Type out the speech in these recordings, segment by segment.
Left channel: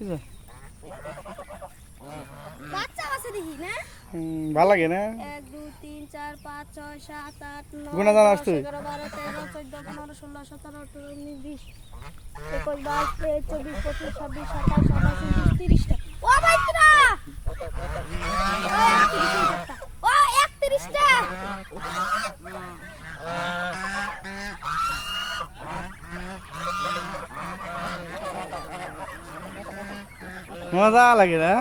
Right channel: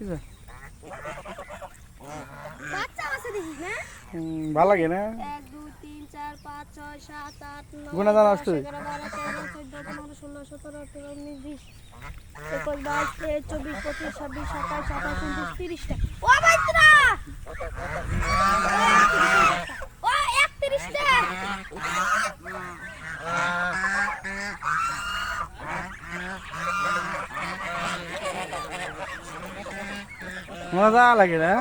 কিসে বাচ্চা আছে দেখিস না ভালো লাগে না 1 2 3 4 5 6 7 8 9 গুণা জানাস তুই 11 12 13 14 15 16 17 18 19 20 21 22 23 24 25 26 27 28 29 30 টা ও বাইতরা ও 31 টা মজা লাগে না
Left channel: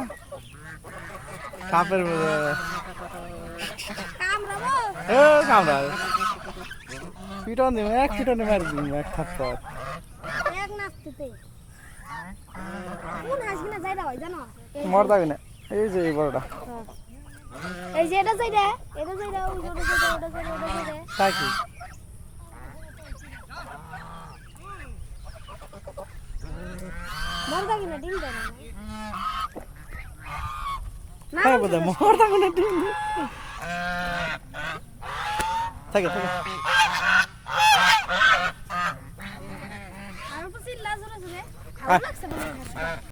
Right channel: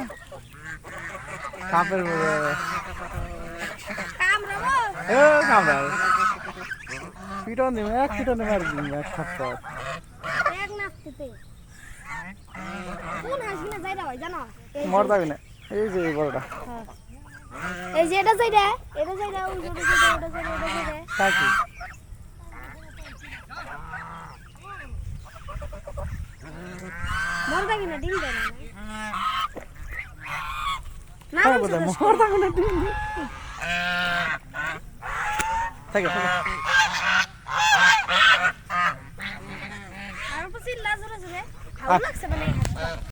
সাপের কামড়া পিটন দিব এক পিটনে মারি দিব এক থাপ্পড় এক নাচতে কোন হাসবিনা যাইরা হয় জানো মর যাবি না এই যে এই বড়টা এই যে এটা যাইরা ওই জোরে যাইরা ওটা যাইরা তাকি মর যাবি না ডিম দেয় না হ্যাঁ বোধহয় মর থাকো না ডিম থাকে থাকে আর উপর চিল্লা জোরে জোরে ভালো লাগছে মানে